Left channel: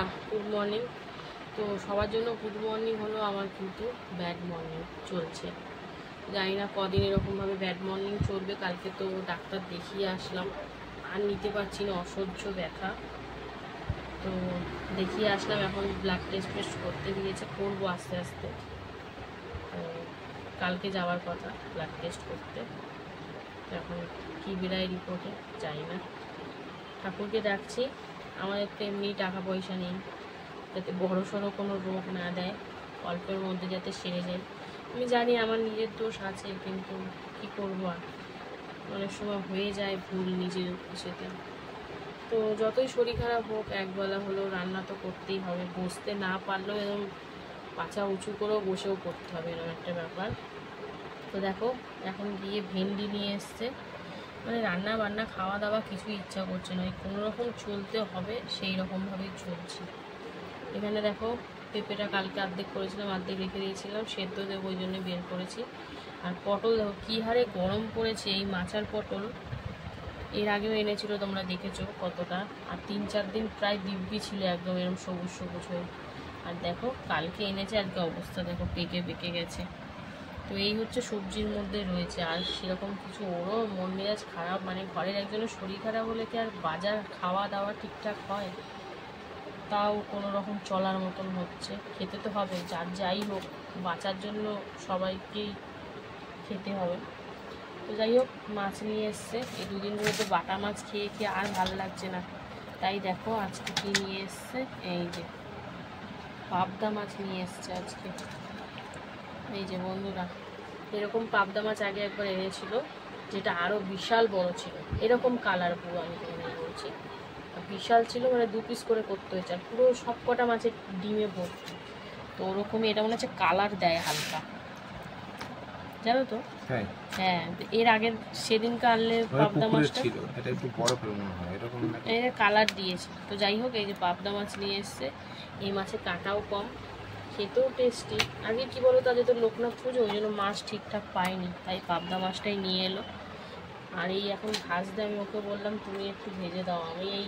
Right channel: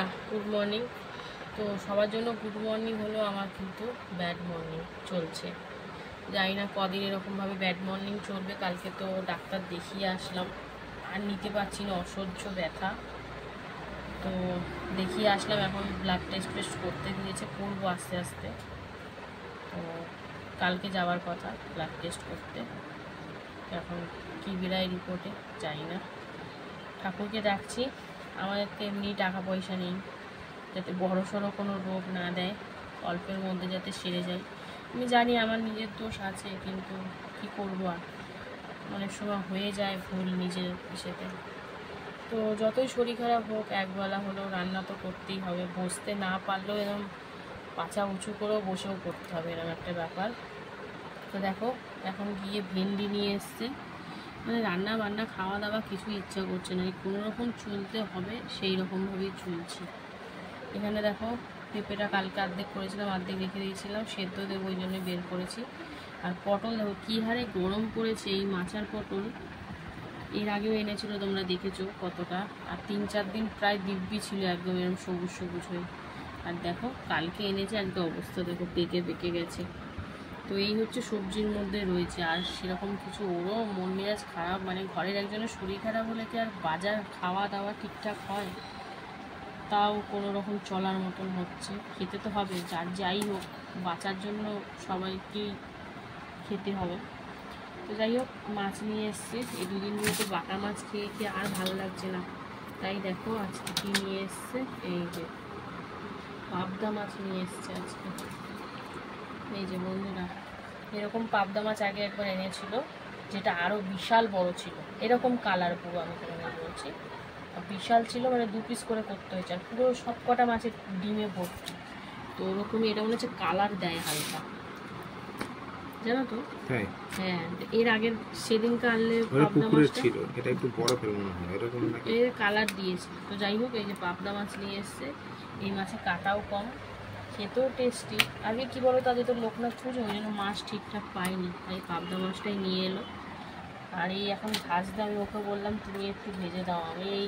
বন্ধুরা good morning. তো সবার জন্য গুড মর্নিং হলো, আমার কিন্তু ব্যাড মর্নিং চলছে। জানি না কদিন এরকমভাবে ব্যাড মর্নিং চলবে। কালকে তো ডাক্তার দেখিয়ে আসলাম, আর নিতে পারছি না, অসহ্য ব্যথা। তো দেখিয়ে আসলাম, এখন ব্লাড টেস্ট করতে দিয়েছে, করবো আস্তে আস্তে। তো কালকে যাওয়ার কথা ব্লাড টেস্ট করতে, এখন কী বেরায় রিপোর্টে জানি না। ঠাকুরকে ডাকছি, আমাদের তো এমনি টাকা পয়সা নেই, যাতে বড়ো সড়ো কোনো রোগ না দেয়, অল্পের মধ্যে যাতে সেরে যায়। আমি জানি আমার নিজের দোষ আছে, কিন্তু কি করবো আর, অনেক সময় হয়ে যায় ভুল নিজের ইসেতে। তো যতই শরীর খারাপ হোক, একবেলা হলেও রান্না তো করতেই হবে, বসতে না পারলেও এরকম পাছা উঁচু করেও বসেও করতে হবে, এরকম একটা ব্যাপার। তো দেখো এখন গিয়ে ভেন্ডি নিয়ে এসছে, মানে রান্না বান্না খাওয়া দাওয়া কিছুই ইচ্ছা করছে না, কোনো রকম চলতে হবে সেই রকমভাবেই চলছি। এখানে দেখো পেঁপেটা কালকে অর্ধেক করেছিলাম, অর্ধেক রেখে দিয়েছিলাম, সেদ্ধ দেবো ওই জন্য বের করেছি। আর পটল দেখো কী হারে গরম পড়েছে, এই মাচার পটল এর আগেও এনেছিল, তোমরা দেখেছো কতটা, আর 3-4 দিন প্রায় দিব্যি ছিল একদম এরকম সবুজ সবুজ হয়ে। আর দেখো কালকে এনেছে, আজকে অবস্থা দেখো পেকে গেছে। তো এই হচ্ছে সবজির মধ্যে রয়েছে, আর সেরকম কিছু ওরও মন মেজাজ খারাপ, মানে ঘরের একজনের শরীর খারাপ হলে কি আর বাজার খাওয়া দাওয়া ঠিকঠাক হয়? তাও কোনো রকম চলার মতন হচ্ছে, খেতে তো হবে, যাই হোক বাঁচার জন্য সবাইকেই খেতে হবে। তো যাই হোক মাছ নিয়ে এসছে, এই দুদিন ধরে তো বাটা মাছ খেয়ে খেয়ে আর ভালো লাগছে না, তাই দেখো আজকে কী নিয়ে এসছে, এই যে পাবদা মাছ নিয়ে এসছে আজকে। এই যে বন্ধুরা, এরকম পাবদা মাছ আগে একবার এনেছিল, যেটা আরও বিশাল বড় ছিল, এরকম কালার পুরো, আমি তোমাদের বলছি বিশাল ছিল, মানে 2 পিস করে করতে হয়েছে, আর পুরো সব কটা মাছের ডিমে ভর্তি। তো ওরকমই এটা মনে হচ্ছে কালার দেয় হালকা, জানো তো? হ্যাঁ, এর আগের সেদিনকে আনলে পাবদা মাছটা ছিল, এটা একটু বড় করে মনে হয় এরকম নাকি, এটা কালার দিয়েছে। তো যাই হোক এই যে পাবদা মাছ নিয়ে এসছে, এই মাছে কাটাও কম, খেতেও টেস্টি। আজকে কী বলো তো, আজকে তো লোকনাথ পুজো, ওই জন্য মাছ ঠিকঠাক পাইনি, তাই পাবদা মাছটাই নিয়ে এলো। আর এই এখন ভাজতে আমি ওকে বললাম তুমি একটু ভেজে দাও, আমি এই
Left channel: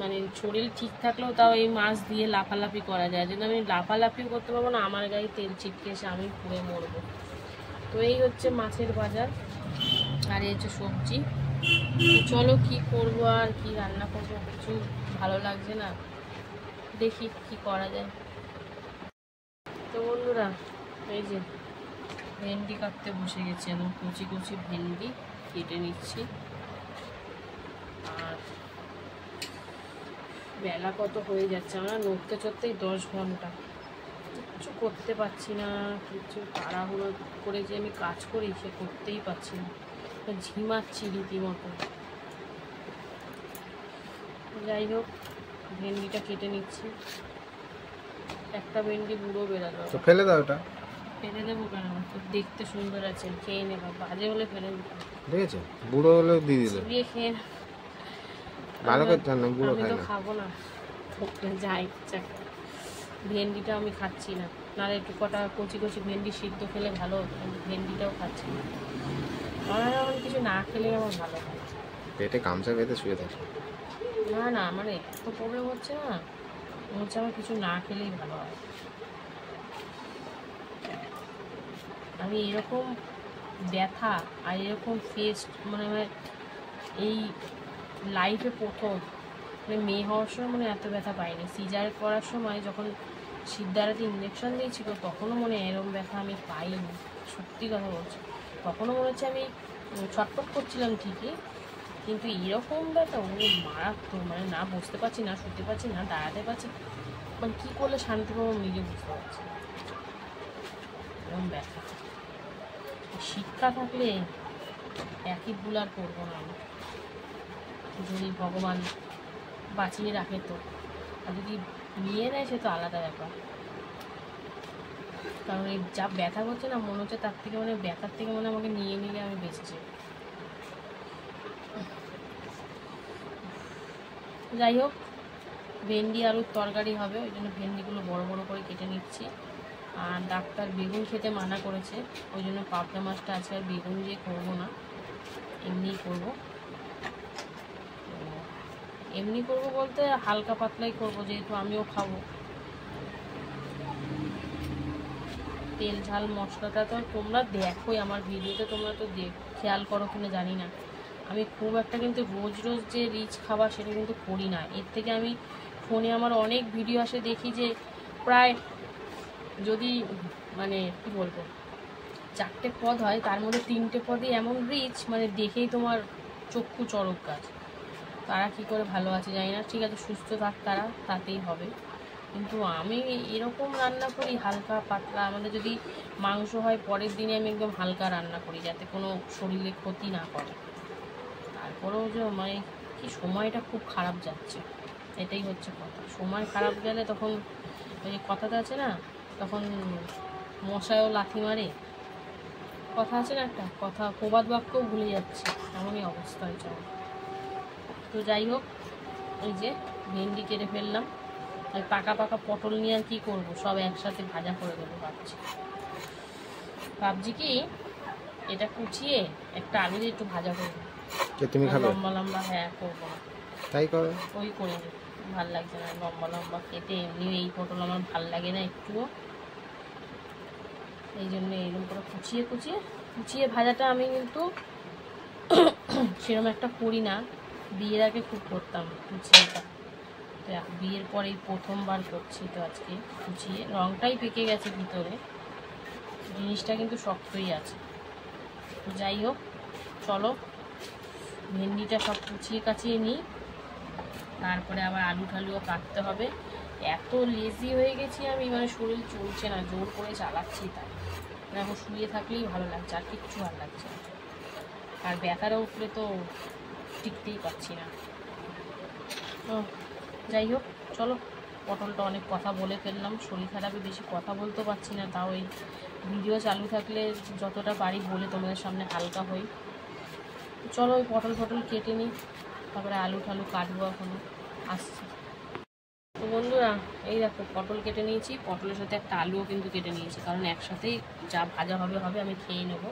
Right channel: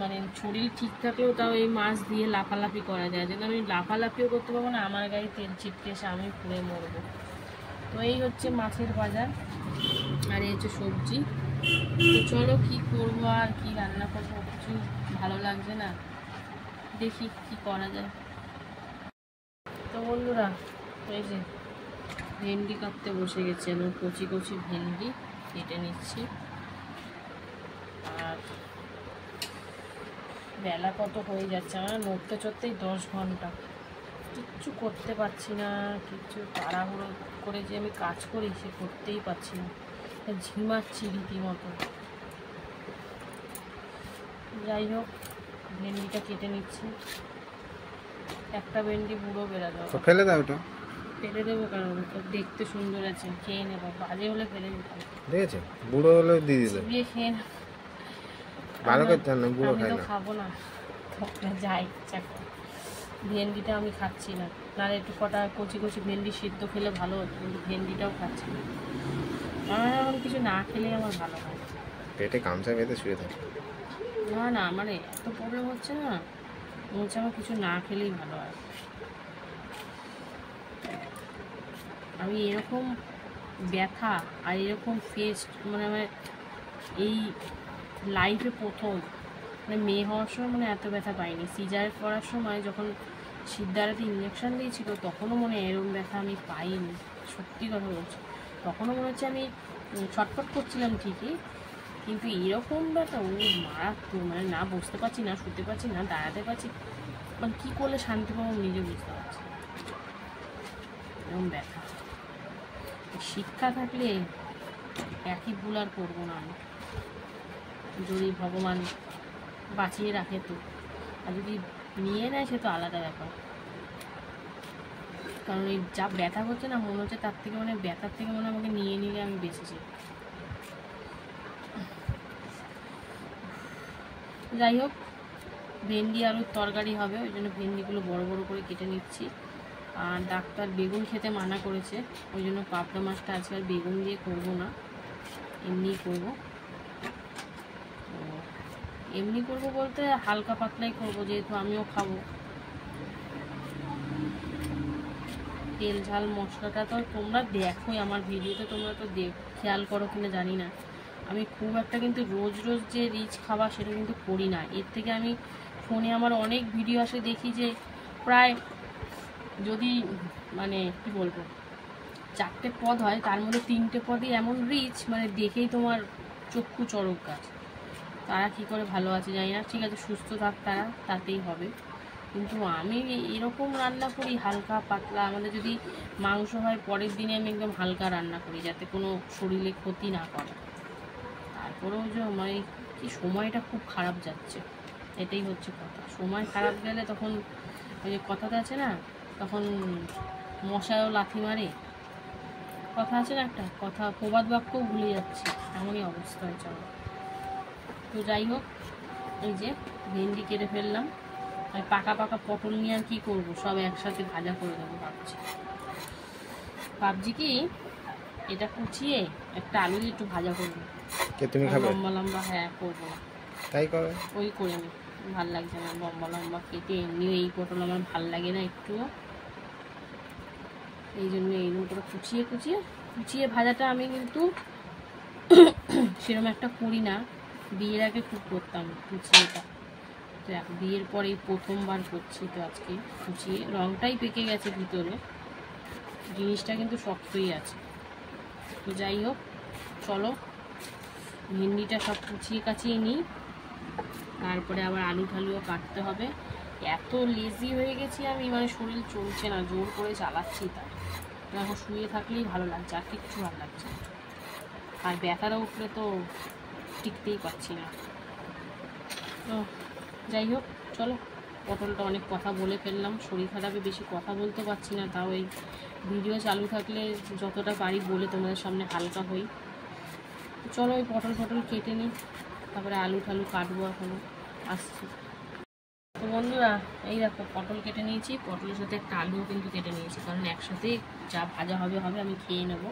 মানে শরীর ঠিক থাকলেও তাও এই মাছ দিয়ে লাফালাফি করা যায়, যেন আমি লাফালাফিও করতে পারবো না, আমার গায়ে তেল ছিটকে এসে আমি পুড়ে মরবো। তো এই হচ্ছে মাছের বাজার, আর এই হচ্ছে সবজি। চলো কি করবো আর কি রান্না করবো, কিছু ভালো লাগছে না, দেখি কি করা যায়। তো বন্ধুরা এই যে ভেন্ডি কাটতে বসে গেছে, কচি কচি ভেন্ডি কেটে নিচ্ছি। আর বেলা কত হয়ে যাচ্ছে, আমরা নড়তে চড়তেই 10 ঘন্টা, কিচ্ছু করতে পারছি না, কিচ্ছু তাড়াহুড়ো করে যে আমি কাজ করি সে করতেই পারছি না, ঝিমাচ্ছি রীতিমতো। যাই হোক ভেন্ডিটা কেটে নিচ্ছি, একটা ভেন্ডি বুড়ো বেরালো, তো ফেলে দাও, ওটা ফেলে দেবো কেন, দেখতে সুন্দর আছে, খেয়ে নেবো, বাজে হলে ফেলে দিতাম, দেখেছে বুড়ো হলে দিয়ে দিলে দিয়ে খেয়ে ভালো করতে না, বুড়ো খাই না, খাবো না, যাই ভেন্ডিটা আমি খাচ্ছি না, নাহলে একটু কটা কচি কচি ভেন্ডি সিদ্ধ খেলে ভালো হতো, কিন্তু ভেন্ডিটাও খাচ্ছি না, আমার এখন কিছু না খেলেই আমার ভালো হয়, পেটে গামছা বেঁধে শুয়ে থাকে। না আমার এত প্রবলেম হচ্ছে না, হচ্ছে আমার কিছু না খেলেই ভালো হয়। আমি এরকম ব্যথা আর এরকম ফেস মানে আমার এই লাইফে প্রথম, মানে মেয়ে হওয়ার সময় মানে এত ব্যথা পাইনি, সিজার করার সময় যখন সিদ্ধারাতে ইঞ্জেকশন দিয়েছিল তখনও মনে এরকম ব্যথা আমি পাইনি, সত্যি কথা বলছি, তখনও মনে হচ্ছে আমি ছটফট করছিলাম ঠিকই, কিন্তু এরকম ব্যথা ও মারাত্মক, মানে না বসতে পারছি, না শুতে পারছি, না দাঁড়াতে পারছি, মানে কী করলে শান্তি পাবো নিজে বুঝতে পারছি, এরকম ব্যথা। শিক্ষা থাকলে একই ভুল আর করবো না আমি, যদি ভগবান বাঁচিয়ে রাখে তো, আর যদি নিয়ে নেয় সে তো আলাদা ব্যাপার, কারণ এই যা ব্যথা করছে না মনে হচ্ছে তার থেকে মানে ব্যথার থেকে মনে আমাকে নিয়ে নিলে আমি বেঁচেছি। যাই হোক ভেন্ডি আলুর তরকারি হবে, ওই জন্য ভেন্ডিগুলো বড় বড় করে কেটে নিচ্ছি। আর ডাক্তার বেগুন খেতে মানা করেছে, ওই জন্য পাবদা মাছটা আজকে আর বেগুন দিয়ে করবো না, এমনিই করবো। এমনি করব বলতে হালকা পাতলাই করব, যেহেতু আমিও খাবো। তেল ঝাল মশলাটা তো তোমরা দেখোই আমার ভিডিওতে, তোমরা তো খেয়াল করো কিনা জানি না। আমি খুব একটা কিন্তু রোজ রোজ যে রিচ খাবার সেটা কিন্তু করি না। এর থেকে আমি ফোনে আমার অনেক ভিডিও আসে, দেখি যে প্রায় যদি মানে কি বলবো 4টে পদ হয়, তার মধ্যে 3টে পদই এমন রিচ, মানে দেখেই তোমার চক্ষু চড়ক গাছ। তারা কি করে ভালো আছে জানি না, ঠিক আছে সুস্থ থাক তারা, তাতেই হবে। কিন্তু আমি এরকম রান্না করি হালকা পাতলা। আমাদের যদি মাংস হয় পরের দিনে আমি একদম হালকা রান্না করি, যাতে কোনো শরীরে ক্ষতি না করে। তারপরেও যে মানে কি সময়টা খুব খারাপ যাচ্ছে, এটাই হচ্ছে কথা। সময় খারাপ গেলে তখন ওই যে কথাটা আছে না, তখন মশায়ও লাথি মারে, কথা আছে না একটা কথা, প্রবাদ বাক্যও ভুলে যাচ্ছে, এমনই অবস্থা হয়েছে আমার। তো যাই হোক, এই যে ভেন্ডি কেটে ফেললাম। আর পাকা পাকা পটল নিয়ে আর কি করবো, সব একসাথে ভাজা করে দেবো ভাবছি কি এটা কুচিয়ে একটা আলু দিয়ে একটু ভাজা করবো। তুমি খাবে লম্বা লম্বা? হ্যাঁ করবো, তাই করো। ওই করে নি, ভাল লাগছে না লম্বা লম্বা খেতে, এমনি এই পটল আমার ভাল লাগে না একটুও, এই জন্য এইরকম করে কুচিয়ে কুচিয়ে কুচিয়ে ভাজাটা আমি কিন্তু সেরকম একটা করি না, বিয়ের আগে খুব করতাম কুচিয়েটা। তো বিয়ের পরে প্রথমবার করছি, তো আজকে কুচিয়ে রঙটাই পেকে গেছে ভিতরে, জিনিসটা কিন্তু শক্তই আছে। তো যাই হোক, চলো ভেন্ডিটা সব কুচিয়ে কাচিয়ে নিই, তারপরে আবার আলু ঠালুও কাটতে হবে। এত লেজি হয়ে গেছি আমি, মানে শরীর চলছে না, জোর করে চালাচ্ছি তাই। এখন শুয়ে থাকলেই ভালো লাগছে, আর কিচ্ছু ভালো লাগছে না। আর ব্যথাটা উঠলে তো টিকতেই পারছি না। তো যাই হোক চলো, পটলটা অনেক কথা বলে ফেললাম, শরীর খারাপে বেশি কথা বলতে পারছি না, তাও এই ভিডিও চালু থাকলে যতটা পারি বলে তোমাদের সামনে হালকা হই। চলো ওই পটল কেটে নিই, তারপরে আলু ঠালু কাটবো, এখনও আসছি। তো বন্ধুরা এই দেখো পটল কেটে নিয়েছি, পটলের সাথে একটা আলুও কিন্তু কেটে নিয়েছি, কারণ একসাথে যা ভাজা হবে আমি খেয়ে নেবো।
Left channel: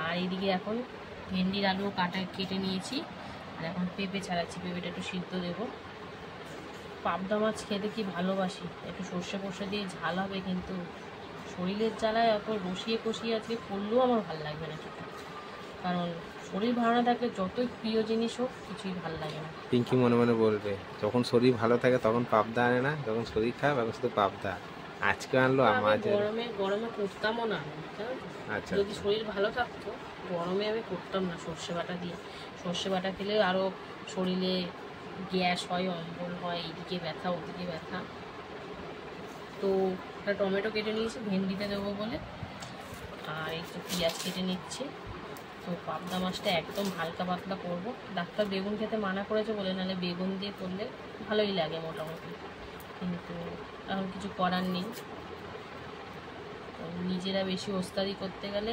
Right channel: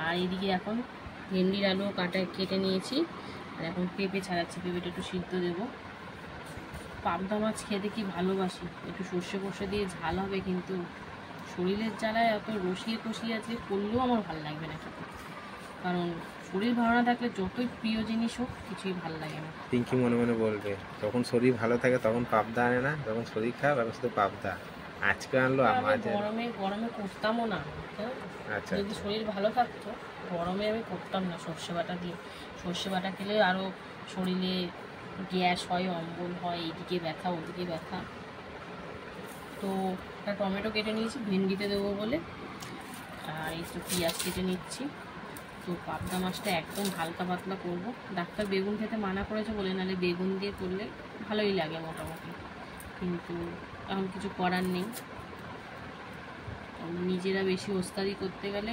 আর এইদিকে এখন ভেন্ডির আলুও কেটে নিয়েছি, আর এখন পেঁপে ছাড়াচ্ছি, পেঁপেটা একটু সিদ্ধ দেবো। পাবদা মাছ খেতে কি ভালোবাসি, একটু সর্ষে ফর্ষে দিয়ে ঝাল হবে, কিন্তু শরীরের জ্বালায় এত রসিয়ে কষিয়ে আজকে করলেও আমার ভালো লাগবে না খেতে, কারণ শরীর ভালো না থাকলে যতই প্রিয় জিনিস হোক কিছুই ভালো লাগে না। পিঙ্কি মনে মনে বলবে, যখন শরীর ভালো থাকে তখন পাবদা আনে না, যখন শরীর খারাপ এখন শুধু পাবদা। আজকে আনলো আমার গরমে করতামও না। আচ্ছা, যদি শরীর ভালো থাকতো গরমে আমি করতাম না সর্ষে বাটা দিয়ে। সর্ষে বাটা খেলে আরও শরীরে গ্যাস হয়, অম্বল হয়, এইদিকে ব্যথা ওদিকে ব্যথা। তো একটা টমেটো কেটে নিয়েছি ভেন্ডিতে দেবো বলে, আর একটু পেঁয়াজ কেটে নিচ্ছি। তো পাবদা মাছটা একদম হালকা পাতলা করব। ডাক্তার বেগুন খেতে মানা করেছে বলে, নাহলে বেগুন দিয়ে করলে ভালোই লাগে মোটামুটি, কিন্তু এখন কিছু করার নেই। নিজেরা বেশি ওস্তাদি করতে গেলে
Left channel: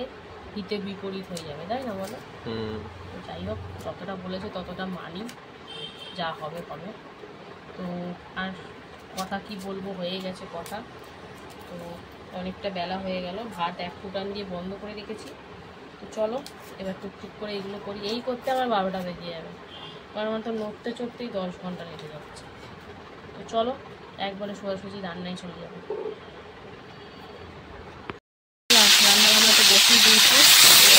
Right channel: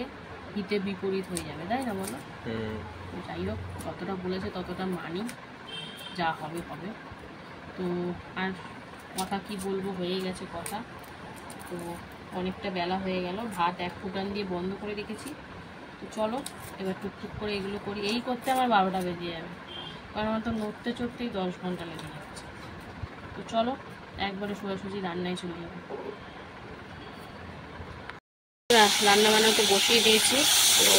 হিতে বিপরীত হয়ে যাবে, তাই না বলো? তো যাই হোক, যতটা বলেছে ততটা মানি, যা হবে হবে। তো আর কথা কি বলবো, হয়ে গেছে কথা। তো অনেকটা বেলা হয়ে গেল, ভাত 1 ফুটান দিয়ে বন্ধ করে রেখেছি। তো চলো এবার টুকটুক করে এগুলো করি, এই করতে আমার 12টা বেজে যাবে, কারণ আমার তো নড়তে চড়তেই 10 ঘন্টা লেগে যাচ্ছে। তো চলো একবারে সোজাসুজি রান্নায় চলে যাবো। রান্না বান্নাতে বসিয়ে দিয়েছি। তো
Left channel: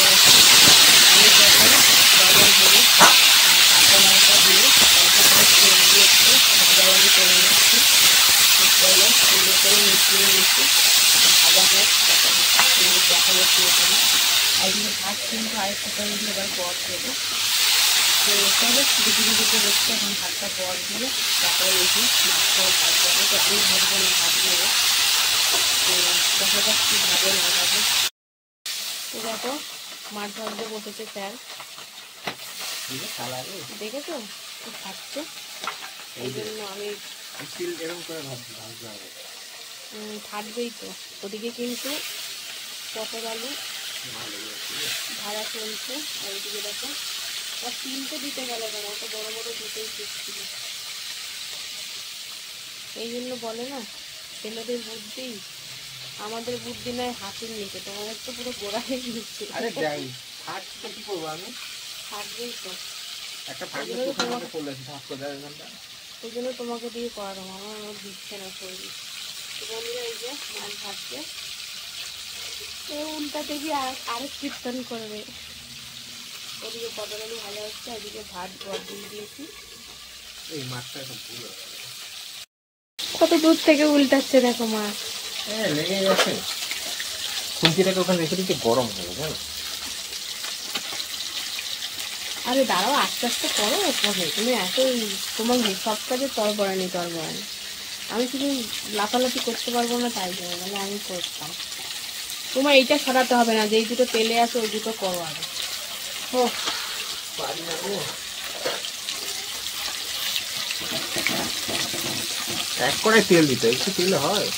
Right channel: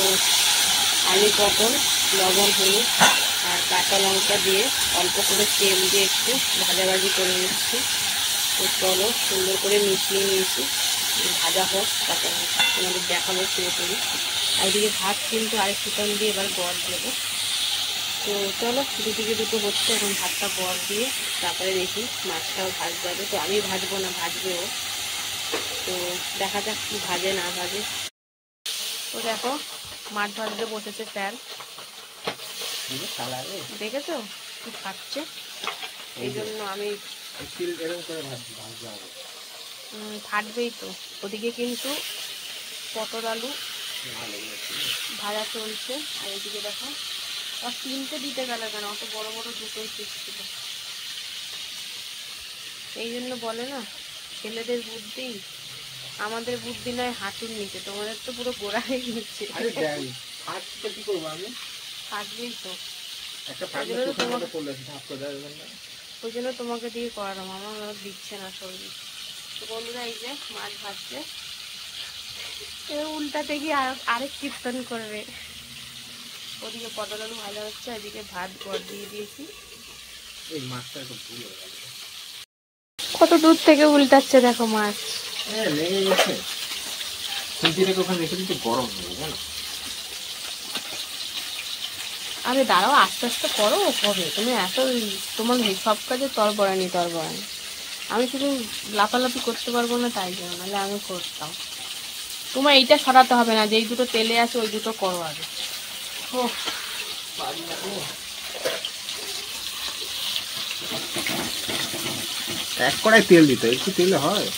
আলু পটল লবণ হলুদ আর কাঁচা লঙ্কা দিয়ে অল্প করে তেল দিয়ে একটু ভাজাভাজি করে নিচ্ছি। তো চলো সুন্দর করে মিশিয়ে নিচ্ছি, ভাজা হোক, তারপর তোমাদের দেখাবো শুরু করি। আর ওদিকে ভাত কিন্তু আরেক ফুটান দিয়ে এবার বর দেবো। তো চলো দুটো হচ্ছে, এখন ভাতটা বর দিয়ে তারপরে দেখি মাছটাও ভাজবো। তো আমি ভাজবো না, ভাজবো। তো দেখা যাক কি ভাজে না ভাজে। তো দেখো মাছ ভাজতে বসেছে স্যার, দেখেছো কি খাচ্ছে, এই জন্য আমি ফাটবেই তো। ওদিকে কিন্তু পটল আলু ভাজা চলছে, আর এইদিকে দেখো আর 3টে দিতে গেলে কেন, অত বড় বড় দুটোই পিস ছিল। এই জন্য বলে না ছেলেদের বুদ্ধি, আমাদের বুদ্ধি নয় হাঁটুর নিচে, তোমাদের তো পুরো গোড়া হয়ে গেছে। ফাটবেই তো, ওই জন্য তোমাকে দিয়ে করালাম, আমার দিচ্ছে না শরীর। তো বন্ধুরা এই যে মাছ ভাজছে, উল্টাতে গিয়ে আরেক কীর্তন করবে। ওদিকে পটল আলু ভাজা হচ্ছে, এদিকে ভাত গড় দিয়ে দিয়েছি। এই মাছটা একটু ভুল হয়ে গেল, কত দূর থেকে উল্টাচ্ছে দেখো মাছ। হ্যাঁ লেগে গেছে। খুঁজিটাকে ওখানে রেখে দিতে গরম হবে জানো। আরে দাঁড়াও, আস্তে আস্তে করো, কবে তুমি এত তোমার সব কাজে তরবরানি। আমি শুধু লাফালাফি করতে পারবো না তাই জন্য, নাহলে আমি করতাম। তোমার এইটা সরাতে হবে না, যেই দুটো তেলে আছে ওই দুটো করো আগে। এক কড়াই তেল দিতে, একটু তেলে হয়।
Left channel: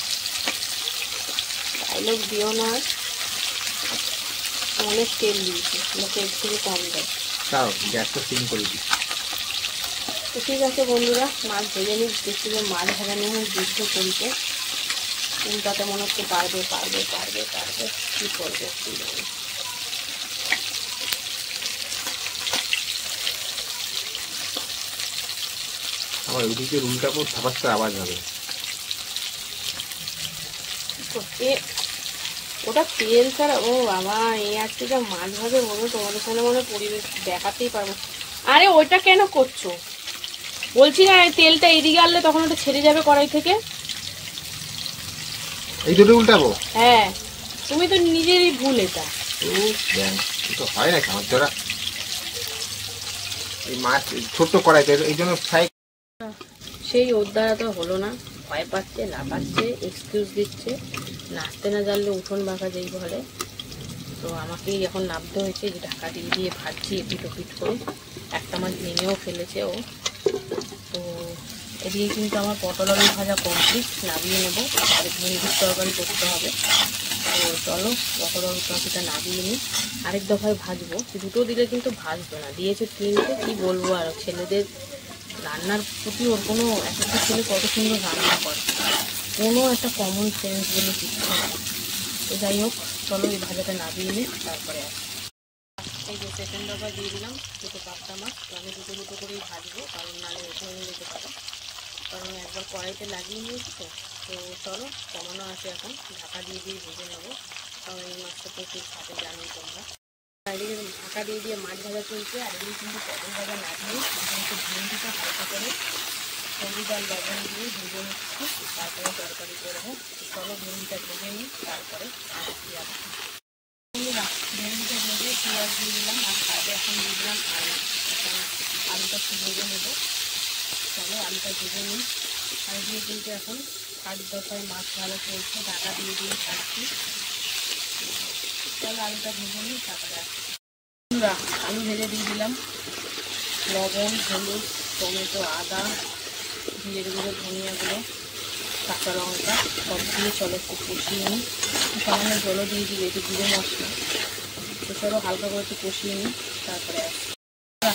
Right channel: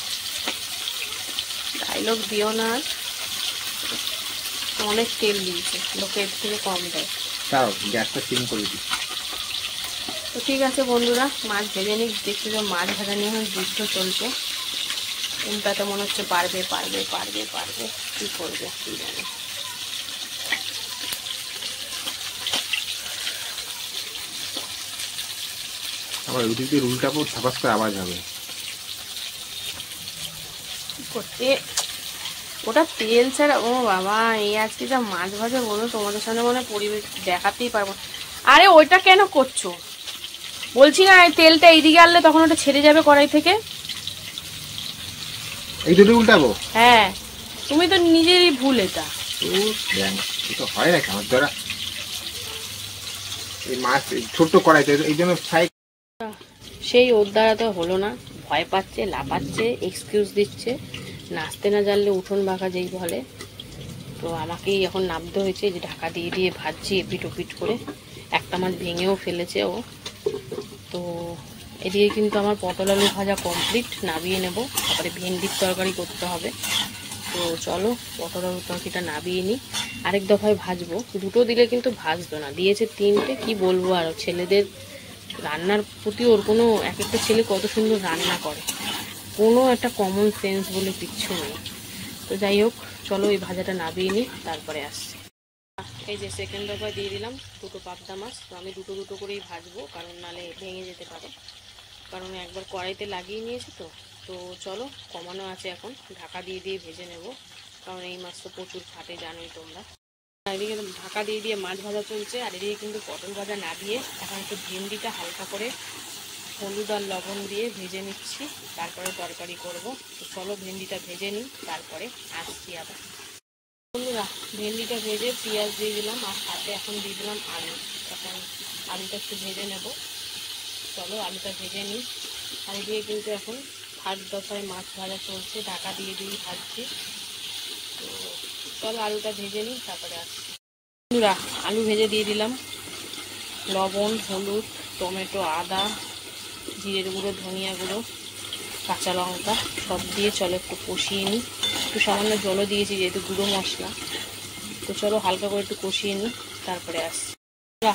ডায়লগ দিও না, অনেক তেল দিয়েছে, লোকে এর থেকে কম দেয়। তাও গ্যাসটা সিম করে দিই। তো ঠিক আছে বন্ধুরা, মাছ ভেজে নিই। দেখছি যে মাছ ভাজা নিয়ে যুদ্ধ চলছে। চিন্তাটা মনে হচ্ছে পারবে কি করবে কি জানি। আমার ওইদিকে রুলটা পুরো ধপাস করে আওয়াজ হবে। করতে ওটা তেল ছাড়া, ও বাবা, এই আজকে যা মাছ ভাজা বলো, তোমাদের সামনে মনে পরিবেশ দেখাতেই পারবো। আরে ওইটা কেন করছো বলছি না, তেলটা এদিকে আনলে তখন ওটা ছেড়ে যাবে কড়াই থেকে। এই দুটো উল্টাবো? হ্যাঁ, তুমি তো নিজেরই ভুল এটা। তো হয় নাকি আমার দ্বারা? এই মাছ ছোট্ট কড়াইতে, এই জন্য ফ্রাই। সেই ওর দ্বারা তো হলো না, ভয় পাচ্ছে, লাফাচ্ছে, এক্সকিউজ দিচ্ছে, নাচতে না জানলে উঠোন বাঁকা যেই বলে। তো আমাকেই এখন নামতে হয়েছে, যে ঢাকা দিয়ে দিয়ে ভাজছি এপিট ওপিট করে। একটা মাছ ভেঙেও ফেলেছে ও। তো এদিকে কিন্তু আমার পটল আলু ভাজা কমপ্লিট, নাবিয়ে নেব। তারপরে ভেন্ডির তরকারি করতে হবে। তো চলো পটল আলু তরকারিটা নাবিয়ে নিই, আরেক দফায় ভাজবো। দুটো দিলে কিন্তু ভাজবে না, দিয়েছে তিনটে। কি বলবো আর, ছেলেদের রান্নার প্রতি ওর কোনো, এক একটা ছেলে কত সুন্দর রান্না করে, কোনো একটা কমন সেন্স বলে কিচ্ছু নেই। তো যাই হোক, চলো এই ভাজাটা নাবিয়ে নিই, তারপরে আসি। এই যে সেকেন্ড দফায় দিয়ে দিলাম দুটো পাবদা মাছ। তো আমি দুটো দুটো করেই ভাজবো, কারণ নাহলে ভেঙে যেতে পারে, কারণ একবার কড়াইতে লাগিয়ে নিয়েছি। তো চলো, কমানো আছে এখন, ঢাকা দিয়ে দিয়ে ভেজে নেব, কারণ এই মাছটা প্রচুর খাটে জানোই তোমরা। এদিকে ঢাকা দিয়ে দিয়ে মাছ ভাজা চলছে, আর এদিকে কিন্তু পটল ভাজা না দিয়ে এখন একটু ভেন্ডিটা হালকা করে হলুদ আর লবণ দিয়ে ভেজে নিচ্ছি, তারপরে তরকারি করবো। তো চলো ভেন্ডিটা ভেজে নিই, তারপরে আসছি আবার। বন্ধুরা, ভেন্ডিটা ভেজে পেঁয়াজ দিয়ে দিলাম, আর সাথে এখন দিয়ে দিলাম আলু। এখন আলুটা একটু ভেজে নেব। চলো আলুটা ভেজে নিই। আর দিয়ে কিন্তু এখন থার্ড দফায় মাছ ভাজা চলছে, ঢাকা দিয়ে দিয়ে ভাজছি। তো চলো আলুটা ভেজে নিই, তারপরে আসছি। বন্ধুরা, আলু ভেজে দিয়ে দিলাম, লবণ, হলুদ, টমেটো, আদা, জিরের গুঁড়ো, ধনিয়া গুঁড়ো, কাঁচা লঙ্কা সব দিয়ে চলো একটু কষিয়ে নিই। একটু সামান্য জলও দিয়েছি যেহেতু গুঁড়ো মশলা। তো চলো হালকা করে একটু কষিয়ে নিই, তারপরে আসি।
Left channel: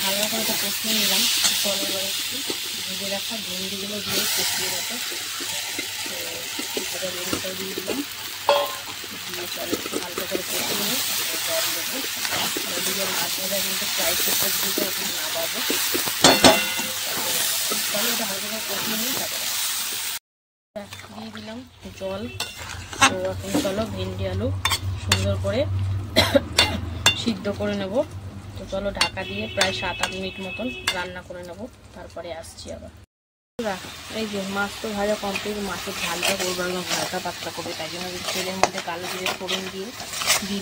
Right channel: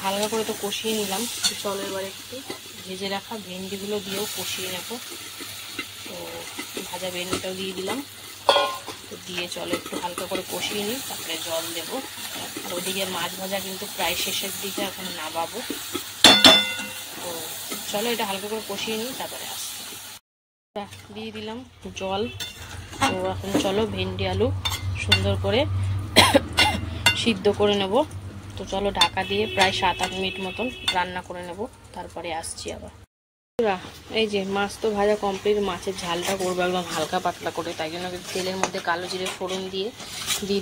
হালকা করে তো কষিয়ে নিলাম। তো চলো এবার একটু ভেজে রাখা ভেন্ডিগুলো দিয়েও কষিয়ে নেবো। তো ভাজা ভেন্ডিটাও দিয়ে দিলাম, দিয়ে চলো একটু হালকা করে কষিয়ে নিই, তারপরে জল দেবো। আর ওদিকে মাছ ভাজা কিন্তু প্রায় শেষের দিকে এখন নামাবো। তো চলো এটা হালকা করে কষিয়ে নিই, তারপরে দিয়ে দিলাম জল। তো এখন চলো ভেন্ডি আলু সুন্দর করে সিদ্ধ করে নেব। তো চলো ঢাকা দিয়ে প্রায় 7-8 মিনিট মতন রান্না করে নেব, তারপরে আসছি আবার। এই যে মাছ তো ভাজা কমপ্লিট, মাছের ঝালটা করবো একদম হালকা পাতলা করে, তাই জন্য তেলের মধ্যে কালো জিরে ফোড়ন দিয়ে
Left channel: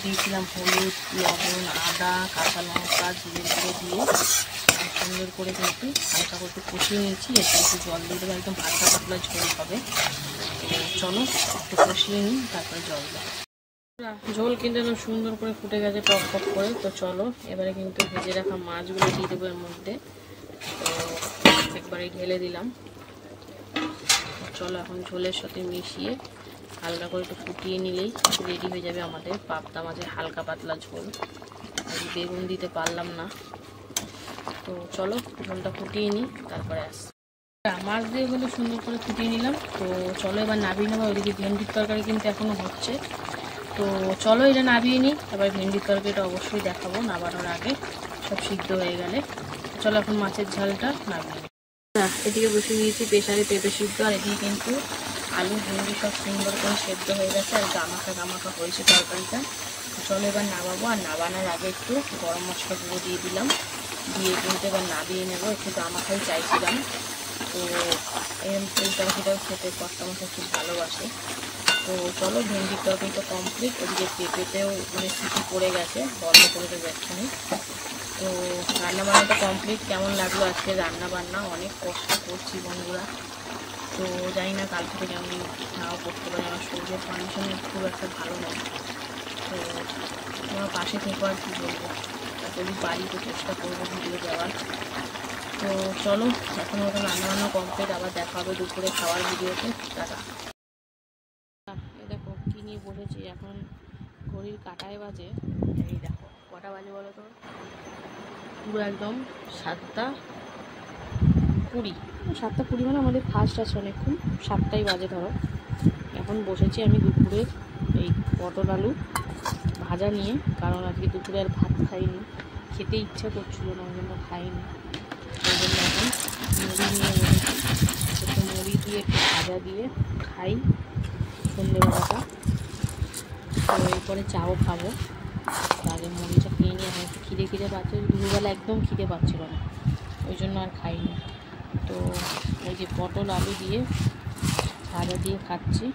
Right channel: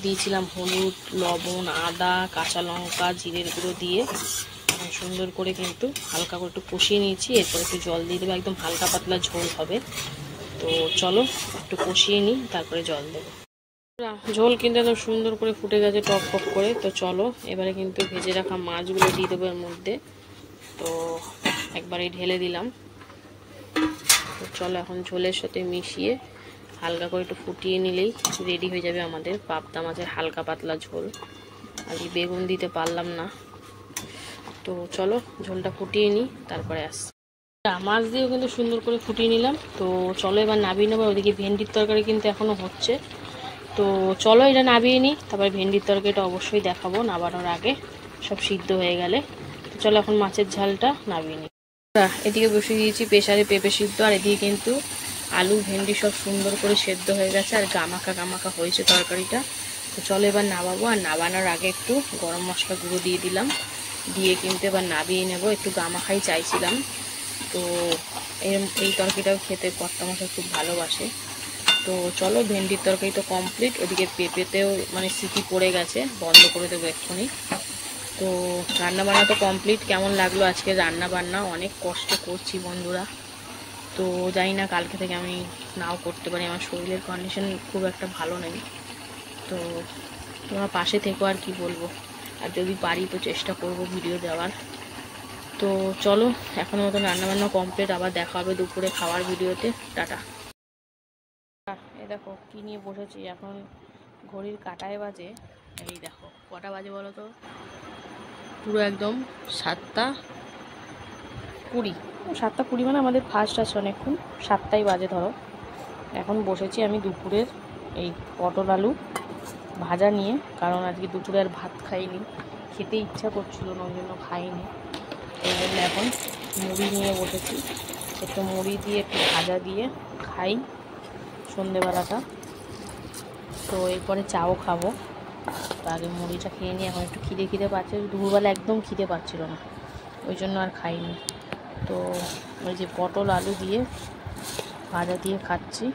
দিয়েছিলাম হলুদ, লবণ, আদা, কাঁচা লঙ্কা, জিরের গুঁড়ো দিয়ে সুন্দর করে কিন্তু হালকা করে একটু কষিয়ে নিয়েছি। এরপর একটু জল দিয়ে দেবো, একদম হালকা পাতলা ঝোল হবে। তো চলো একটু কষিয়ে নিই, তারপরে জল দেবো। ঝোল কিন্তু একদম সুন্দর করে ফুটে গেছে টক টক করে। তো চলো এবারে কিন্তু ভেজে রাখা মাছগুলো দিয়ে দেবো এর মধ্যে। তো একবারে ঢেলে দিলাম। তো চলো এখন ঝোলের সাথে মিশিয়ে হালকা করে একটু ফুটিয়ে নিলেই রেডি হয়ে যাবে আমাদের পাবদা মাছের হালকা পাতলা ঝোল। আর বেগুন দিতে পারলাম না। তো চলো ঝোলটা ফুটিয়ে নিই, তারপরে আসছি। মাছ দিয়ে কিন্তু সুন্দর করে ফুটিয়ে নিলাম। তো চলো এবার নাবিয়ে নেবো। ওদিকে ভেন্ডির তরকারি কিন্তু এখনো হচ্ছে। তো চলো এটা নাবিয়ে নিই, তারপরে ভেন্ডির তরকারিটা অবশ্যই দেখাবো নাবানোর আগে, সব সিদ্ধ হয়ে গেলে। চলো এখন মাছের ঝালটা নামিয়ে নিই। এদিকে বসিয়ে দিয়েছি প্রেসারে পেঁপে সিদ্ধ, আর এদিকে কিন্তু আলু ভেন্ডি সব সুন্দর করে সেদ্ধ হয়ে গেছে, আর গামাখা গামাখা হয়েছে তরকারিটা। তো চলো এবার নামাবো, আর নামানোর আগে একটু গরম মশলা গুঁড়ো দিয়ে দিলাম, দিয়ে কিন্তু এবার নামিয়ে নেবো। একটু গামাখাই চাইছিলাম, তো এই তরকারিটা খেতে কখনো খুব ভালোবাসে। তো চলো ভেন্ডির তরকারি তো কমপ্লিট, ওদিকে পেঁপেতেও মানে সিটি পড়ে গেছে, বন্ধ করে দেবো এক্ষুনি। তো রান্নাবান্না তো কমপ্লিট। কেমন লাগলো আজকে রান্নাবান্না? অনেক কষ্ট করছি বন্ধুরা, তো জানি না কালকে থেকে আমি নাও করতে পারি, আমার শরীরের কন্ডিশন খুব একটা ভালো নেই। তো তোমার পাশে থেকো, আর কি বলবো, আর যদি পারি তো চেষ্টা করবো ভিডিও দেওয়ার। তো চলো এখন মতো রান্নাবান্না কমপ্লিট, আবার দেখা হবে দুপুরে খাওয়ার ভিডিওতে। টাটা। এই দেখো কী নিয়ে বসেছি, এখন ঘড়ির কাঁটায় বাজে, এই দেখো কটা বাজে বলো তো, পুরো একদম 7:20। 7:20 মানে আমাদের ফার্স্ট আছে অনেকক্ষণ, 7টাই বাজে ধরো। এখন বসেছি আমি দুপুরের এই পটল আলু ভাজা নিয়ে, কারণ আজকে দুপুরে আর ভাত খাইনি, খেতে ইচ্ছা করছিল না, ওই জন্য খাইনি। ওই জন্য এখন মুড়ি নিয়ে বসেছি, একটু মুড়ি দিয়ে একটু ভাজা দিয়ে খাই সন্ধেবেলাটা। তো এরপরে চাও খাবো, তো আগে মুড়িটা খেয়ে নিয়ে এখন একটু খিদে পাচ্ছে, দুপুরবেলা একদম খিদে পাচ্ছিল না, ওই জন্য আর খাইনি। তো ওই যে পটল আলু দিয়ে ভাজা দিয়ে খাচ্ছি।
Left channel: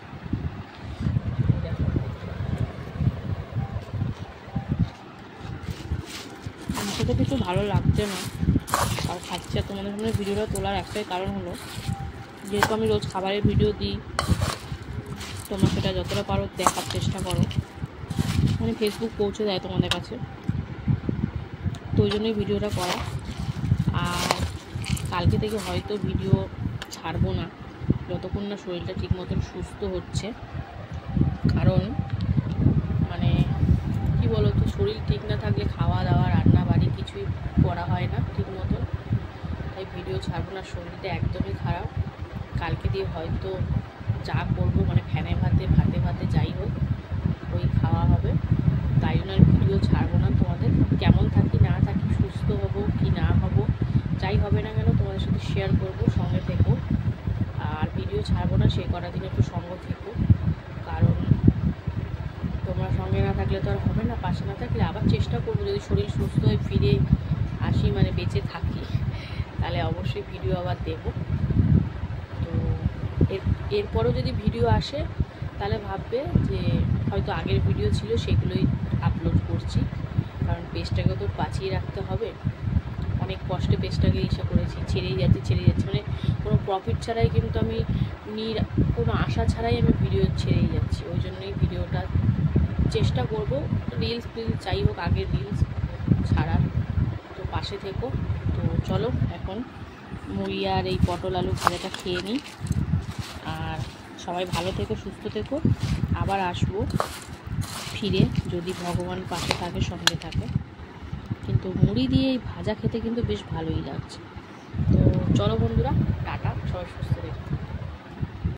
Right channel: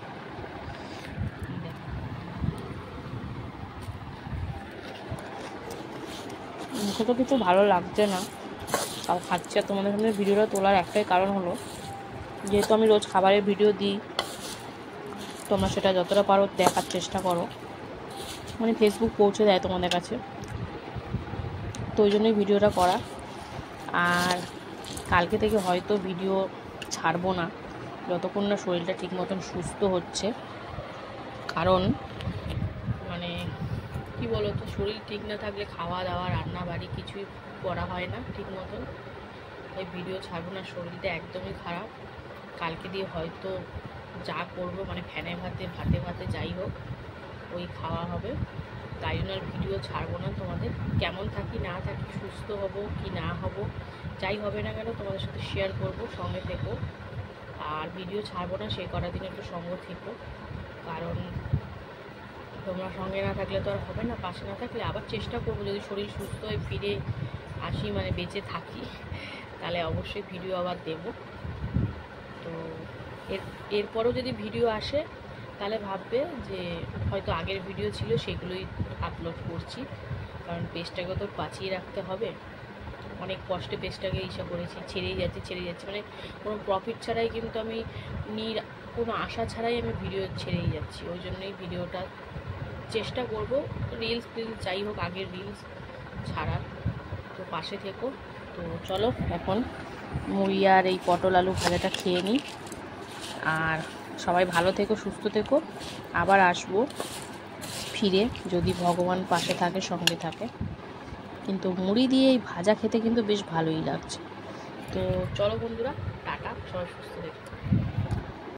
মুখে তো কিছু ভালো লাগছে না, তাও খাচ্ছি। আর তোমাদের সামনে ভিডিওটা তোলার একটাই কারণ হলো, যেহেতু আমি রোজ খাবারের ভিডিও দিই, তোমরা সেটা যতটা পারো দেখার চেষ্টা করো, মানে ফেসবুক পৌঁছে দেয় তোমাদের কাছে, তো ওই জন্যই ভিডিওটা করা। আর কালকে থেকে হয়তো ভিডিও ছাড়বো না যতক্ষণ না শরীরটা ঠিক মতন সুস্থ হচ্ছে, কারণ মানে কি বলো তো, শরীর ঠিক না থাকলে খাওয়া দাওয়া রান্না বাড়ি কিছুই করা হয় না ঠিক মতন, তাই ভিডিও ছাড়বো না। শরীরটা একদমই খারাপ, কালকে দিয়ে হয়তো যা করবো মানে ফ্যানে ভাতে যাই হোক ওই খাওয়া হবে, তাই জন্য আর ভিডিও ছাড়বো না। তোমাদের কেমন থাকি না থাকি, সুস্থ হব কি না হব, যাই হবে না কেন তোমাদের সাথে শেয়ার করবো, সঙ্গে থেকো। আর ভিডিও ছাড়বো না সেই কটা দিন একটু সঙ্গ থেকো, কারণ তোমরা সঙ্গে না থাকলে তো আর হবে না, পাশে না থাকলে। আবার চেষ্টা করবো যদি শরীর সুস্থ হয়ে ফিরে আসি, মানে বেঁচে থাকি, তাহলে অবশ্যই ভিডিও আবার দেব। তো এরপরও যদি ভিডিও আসে তাহলে ভাববে যে হয়তো আগের ভিডিও ছিল সেগুলোই আপলোড করছি, কারণ পেজটাকে তো বাঁচিয়ে রাখতে হবে। অনেক কষ্টে পেজটাকে করেছি, ছেড়েই যাচ্ছি, মানে কোনো প্রফিট ছাড়াই কিন্তু আমি কোনো আশা ছাড়াই আমি ভিডিও ছেড়েই যাচ্ছি। ওই জন্যই ভিডিওটা চেষ্টা করব, রিলস যাই হোক আগের রিলস ছাড়ার। তো পাশে থেকো। তো চলো এখন মুড়ি আর এই পটল আলু ভাজাটা খেয়ে নিই, আর সবাই ভালো থেকো, সুস্থ থেকো। আবার আসবো ফিরে, যদি ভগবান পাশে থাকে, সঙ্গে থাকে। কিন্তু মুড়ি দিয়ে এই ভাজা খেতে কিন্তু বেশ ভালোই লাগছে। তো চলো বন্ধুরা, টাটা, সবাই সুস্থ থেকো।